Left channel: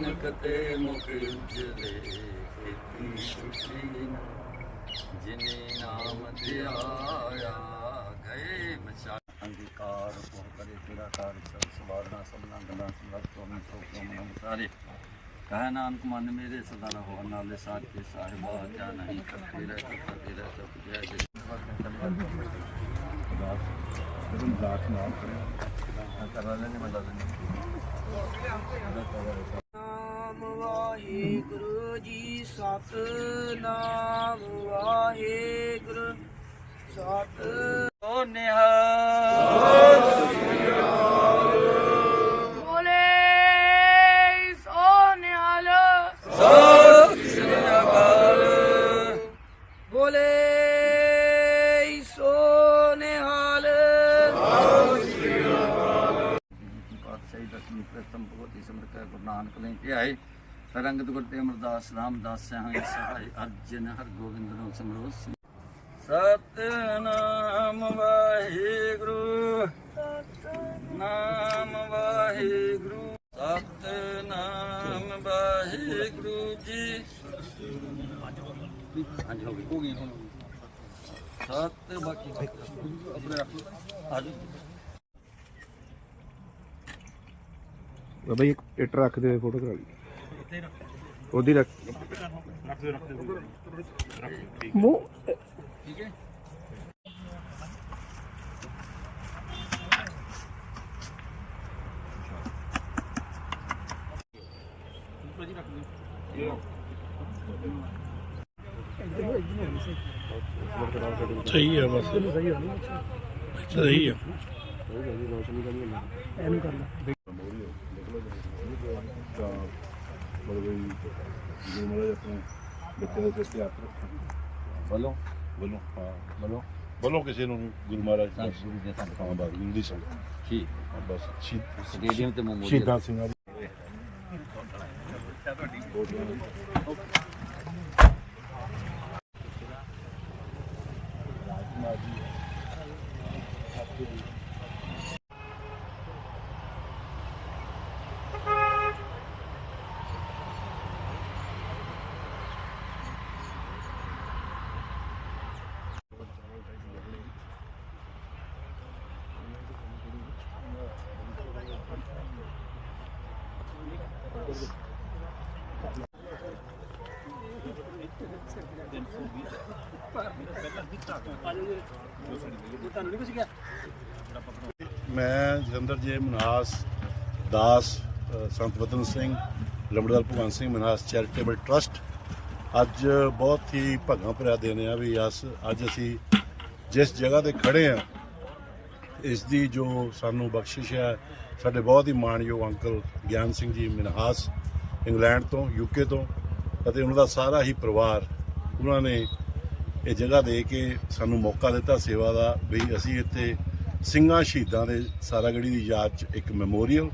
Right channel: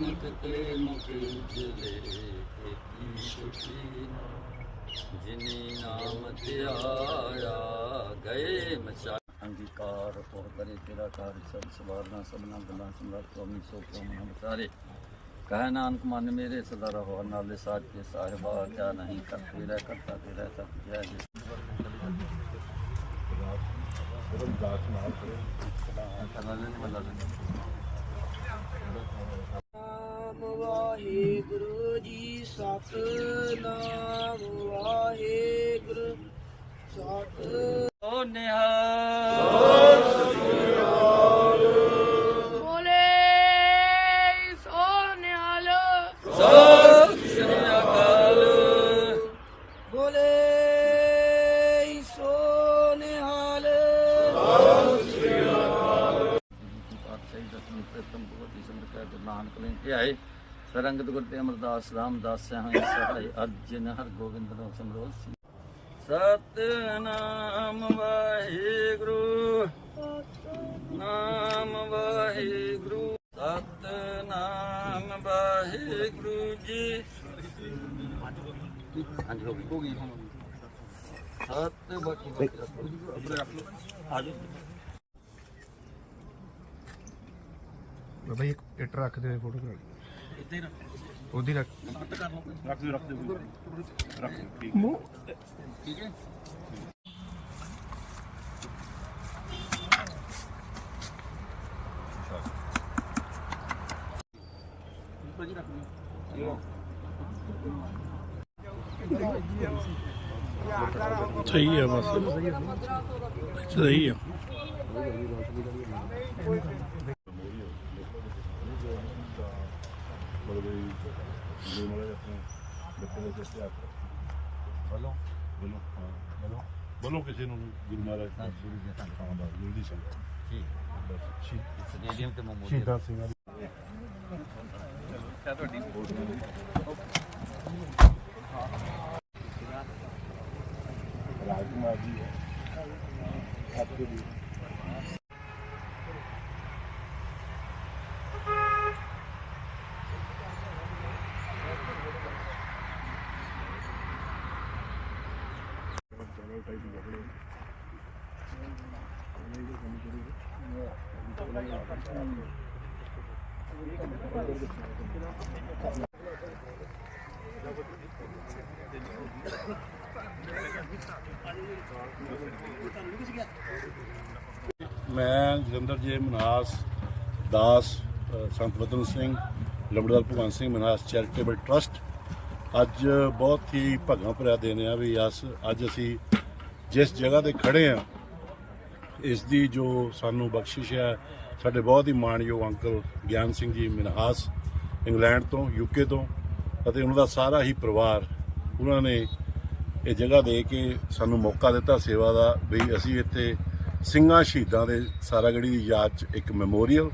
ਨਾਨਕ ਤੇ ਮੁਖ ਉਜਲੇ ਕੀਤੀ ਛੁਟੀ ਨਾ ਜਿਨੀ ਨਾਮ ਧਿਆਇਆ ਗਏ ਮਚਾ ਅੰਗੀਕਾਰ ਉਹ ਕਰੇ ਤੇਰਾ ਕਾਰ ਸਭ ਸਵਾਰਨਾ ਸਭਨਾ ਗੱਲਾਂ ਸਮਰਤ ਤੋਂ ਸੋ ਕੋ ਮਨ ਸਾਰੇ ਕਹੇ ਨਾਨਕ ਮਨ ਮੇਰੇ ਸਦਾ ਰਹੋ ਨਾਲੇ ਸਾਥ ਕੇ ਸਾਹਿਬਾ ਕਿਆ ਨਹੀਂ ਕਰਤੇ ਰਹਿ ਕਰਤਾ ਤੇਰਾ ਸਭ ਜੈ ਜੀ। ਦਾਸ ਨਾਲ ਕਰਿਓ ਕਰਾ ਲੈਣੇ ਲੈਣੇ ਨਾਮ ਵਾਹਿਗੁਰੂ ਜੀ ਸਤਨਾਮ, ਵਾਹਿਗੁਰੂ ਸਤ ਓ ਨਿਹਾਲ। ਬੋਲੇ ਸੋ ਨਿਹਾਲ। ਸੋ ਨਿਹਾਲ। ਪਾਤਸ਼ਾਹੀ ਦਸਵੀਂ ਪ੍ਰਥਮ ਭਗਵਤੀ ਸਿਮਰ ਗੁਰੂ ਨਾਨਕ ਲੈ ਕੇ ਆਏ। ਸਰੰਗਤ ਗੁਰ ਤੇ ਅਮਰਦਾਸ ਰਾਮਦਾਸ ਸਹਾਇ ਸਹਾਇ ਅਰਜਨ ਹਰ ਗੋਬਿੰਦ ਨੂੰ ਸਿਮਰੋ ਸਤਨਾਮ ਵਾਹਿਗੁਰੂ। ਨਾਮ ਵਾਹਿਗੁਰੂ। ਸਤਨਾਮ ਵਾਹਿਗੁਰੂ ਜੀ। ਹਾਂਜੀ ਹੋ ਗਈ ਹੋ ਗਈ ਹੁਣ ਸਤ ਬਾਕੀ ਆਪਣੇ ਰੱਖ ਲਓ। ਆ ਜਾਓ। ਬਾਬਾ ਜੀ ਇੱਕ ਇੱਟ ਰੱਖ ਦੇ ਫੋਟੋ ਕਰਾ ਲਈ ਇੱਥੇ ਰੱਖ ਉਹਦੀ ਰੱਖ ਰੱਖ ਦਿਓ ਰੱਖ ਦਿਓ। ਰੱਖ ਠੀਕ ਹੈ? ਸਹੀ ਹੈ ਬਸ। ਸਹੀ ਹੈ ਬੱਚੇ ਦੇ ਸਿਰ ਹੱਥ ਰੱਖੋ ਬੋਲੋ। ਬੋਲੋ ਹਾਂ। ਬੋਲੋ। ਬੋਲੋ ਕਿਸੇ ਨੂੰ ਵੀ ਗੁਰੂ ਮਹਾਰਾਜ ਤਾਂ ਦਾ ਗੁਰੂ ਦੇ ਸੰਤ ਹਾਂ ਬਸ ਹਿੰਦੀ ਸੰਗ ਠੀਕ। ਬਸ ਸ਼ਹੀਦ ਸਟੇਡੀਅਮ ਤੇ ਮੋਮੋ ਸ਼ਹੀਦਾਂ ਸਿੰਘਾਂ ਦੀ। ਮੈਂ ਜਲੰਧਰ ਜੀ ਮਨਹਾਸ ਦਾਸ ਸੰਤ ਵਤਨ ਸਿੰਘ, ਲੰਬੜਦਾਰ ਭਗਵੰਤ ਸਿੰਘ ਮਨਹਾਸ ਚੈਰੀਟੇਬਲ ਟਰਸਟ। ਅੱਜ ਬਹੁਤ ਹੀ ਭਗਾ ਭਰਿਆ ਦਿਨ ਆ ਵੀ ਅਸ ਅੱਜ ਅਸੀਂ ਜਿਸ ਜਗ੍ਹਾ ਤੇ ਖੜੇ ਆ, ਇਸ ਦੀ ਜੋ ਸਾਨੂੰ ਬਖਸ਼ਿਸ਼ ਹੈ ਸਾਡੇ ਬਹੁਤ ਹੀ ਮਾਣਯੋਗ ਅੰਕਲ ਗਿਆਨ ਸਿੰਘ ਜੀ ਮਿਨਹਾਸ, ਇੰਗਲੈਂਡ ਤੋਂ ਯੂਕੇ ਤੋਂ, ਅਤੇ ਉਹਨਾਂ ਦਾ ਸਾਰਾ ਹੀ ਪਰਿਵਾਰ ਉਹਨਾਂ ਨੇ ਇਹ ਜਗ੍ਹਾ ਦੇ ਕੇ ਸਾਨੂੰ ਮੌਕਾ ਦਿੱਤਾ ਸੇਵਾ ਦਾ ਵੀ ਅਸੀਂ ਇੱਥੇ ਸਿੰਘਾਂ ਸ਼ਹੀਦਾਂ ਦੇ ਸਾਰਾਗੜੀ ਦੀ ਯਾਦ 'ਚ ਇੱਕ ਮੈਮੋਰੀਅਲ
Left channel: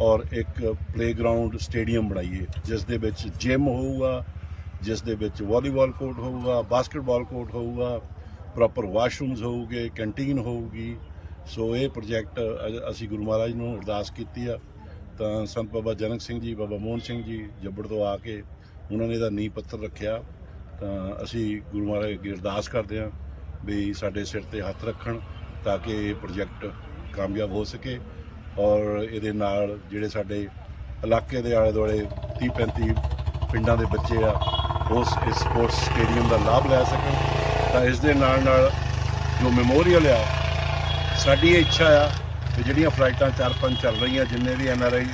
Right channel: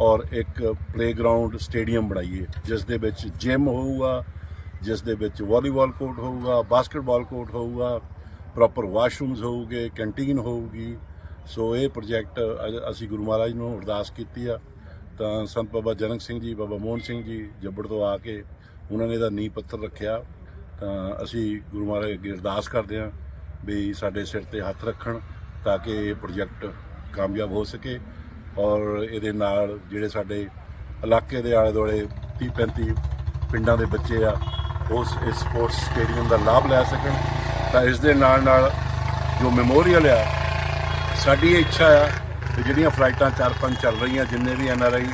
ਔਰ ਇੱਕ ਪਲੇਗਰਾਉਂਡ ਸਟੇਡੀਅਮ ਬਣਾਈਏ, ਜਿਸ ਦੇ ਵਿੱਚ ਜਿਮ ਹੋਊਗਾ, ਜਿਸ ਦੇ ਵਿੱਚ ਵਾਲੀਬਾਲ ਕੋਰਟ ਹੋਊਗਾ ਬਾਸਕਟਬਾਲ ਕੋਰਟ ਹੋਊਗਾ ਪ੍ਰੋਪਰ ਵਾਸ਼ਰੂਮਸ ਹੋਊਗੇ ਕੈਂਟੀਨ ਹੋਊਗੀ ਸੋ ਇਹ ਪ੍ਰੋਜੈਕਟ ਅਜ- ਅਸੀਂ ਗੁਰੂ ਮਹਾਰਾਜ ਨੂੰ ਅਰਦਾਸ ਕੀਤੀ ਆ। ਤਾਂ ਸੰਤ ਬਾਬਾ ਜਨਕ ਸਿੰਘ ਜੀ, ਬਾਬਾ ਮੋਹਨ ਸਿੰਘ ਜੀ ਜੱਬੜ ਤੋਂ ਆ ਕੇ ਉਹਨਾਂ ਨੇ ਇਹਦਾ ਨੀਂਹ ਪੱਥਰ ਰੱਖਿਆ। ਤਾਂ ਅਸੀਂ ਗੁਰੂ ਮਹਾਰਾਜ ਅੱਗੇ ਅਰਦਾਸ ਕਰਦੇ ਹਾਂ ਵੀ ਸਾਡੇ ਸਿਰ ਤੇ ਹੱਥ ਰੱਖਣ ਤਾਂ ਕਿ ਇਹ ਪ੍ਰੋਜੈਕਟ ਕਾਮਯਾਬ ਹੋ ਸਕੇ ਔਰ ਇਹਦੇ ਨਾਲ ਜਿਹੜੇ ਸਾਡੇ ਇਲਾਕੇ ਦੇ ਆਲੇ ਦੁਆਲੇ 30 35 ਪਿੰਡਾਂ ਦੇ ਬੱਚੇ ਆ ਉਸ ਇਸ ਸਪੋਰਟਸ ਸਟੇਡੀਅਮ ਦਾ ਲਾਭ ਲੈ ਸਕਣ। ਤਾਂ ਇਸ ਦੇ ਨਾਲ ਨਾਲ ਜੋ ਮੈਮੋਰੀਅਲ ਆ ਸਾਡੀ ਇਹ ਇੱਛਾ ਆ ਵੀ ਜਿਹੜੀਆਂ ਫਲਾਈਟਾਂ ਚਾਰ ਪੰਜ ਚੱਲ ਰਹੀਆਂ, ਜਿੰਨੇ ਵੀ N R I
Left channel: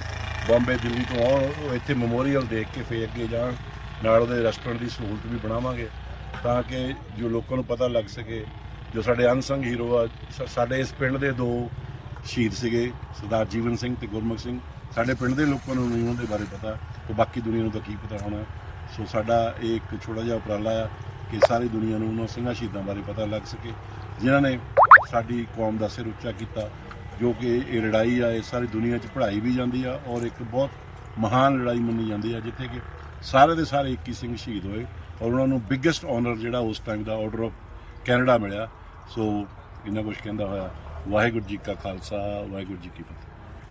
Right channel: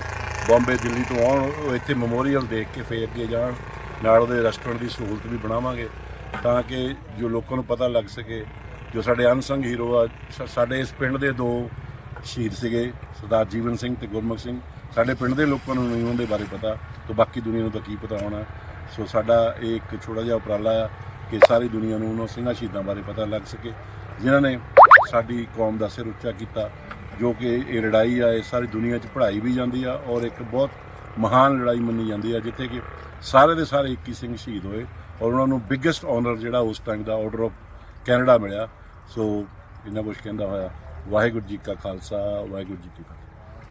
Bombay, Delhi ਤੋਂ ਆਉਣ, ਉਹ ਇੱਥੇ ਮੈਮੋਰੀਅਲ ਦੇਖ ਕੇ ਫੇਰ ਅੱਗੇ ਜਾਣ, ਨਾਲ ਉਹਦੇ ਰੈਸਟੋਰੈਂਟ ਦੀ ਸਹੂਲਤ ਵੀ ਬਣਾਵਾਂਗੇ, ਤਾਂ ਕਿ ਜੋ ਲੋਕਾਂ ਨੂੰ ਪਤਾ ਲੱਗ ਸਕੇ, ਜੋ ਸਾਡੇ ਅਨਸੰਗ ਹੀਰੋ ਆ, ਸਾ- ਸਾਡੇ ਇਸ ਪਿੰਡ ਦੇ ਦੋ ਸ਼ਹੀਦ ਸੀਗੇ, ਸਰਦਾਰ ਜੀਵਨ ਸਿੰਘ ਤੇ ਗੁਰਮੁਖ ਸਿੰਘ। ਸਾਡੇ ਪਿੰਡ ਦੇ ਲੋਕਾਂ ਨੂੰ ਨਹੀਂ ਉਹਨਾਂ ਦੇ ਬਾਰੇ ਪਤਾ, ਤੇ ਬਾਕੀ ਦੁਨੀਆ ਨੂੰ ਤਾਂ ਕੀ ਪਤਾ ਹੋਣਾ। ਸੋ ਸਾਡਾ ਇਹ ਇੱਕ ਛੋਟਾ ਜਿਹਾ ਉਪਰਾਲਾ ਆ ਕਿ ਸਾਰੀ ਦੁਨੀਆ ਨੂੰ ਉਹਨਾਂ ਸਿੰਘਾਂ ਸ਼ਹੀਦਾਂ ਬਾਰੇ ਪਤਾ ਲੱਗ ਸਕੇ, ਜਿਨ੍ਹਾਂ ਨੇ ਸਾਡੀ ਕੌਮ ਦਾ ਸਿਰ ਉੱਚਾ ਕੀਤਾ, ਜੋ ਕਿ ਇਹ ਲੜਾਈ ਆ, ਇਹ ਸਾਰੀ ਦੁਨੀਆ 'ਚ ਪੜ੍ਹਾਈ ਵੀ ਜਾਂਦੀ ਆ ਔਰ ਇੱਕ ਬਹੁਤ ਮਹਾਨ ਲੜਾਈ ਮੰਨੀ ਜਾਂਦੀ ਆ, ਜਿੱਥੇ ਕਿ ਸਾਰੇ ਦੇ ਸਾਰੇ 21 ਸਿੰਘ ਸ਼ਹੀਦ ਹੋਏ ਔਰ ਉਹਨਾਂ ਨੂੰ ਬਿਗੇਸਟ ਆਨਰ ਜਿਹੜਾ ਉਸ ਟਾਈਮ ਦਾ ਆਰਡਰ ਆਫ ਕੈਨੇਡਾ ਮਿਲਿਆ। ਸੋ ਇਹਨਾਂ ਕੁਝ ਕਹਿੰਦਾ ਹੋਇਆ, ਵਾਹਿਗੁਰੂ ਜੀ ਕਾ ਖਾਲਸਾ, ਵਾਹਿਗੁਰੂ ਜੀ ਕੀ ਫਤਿਹ।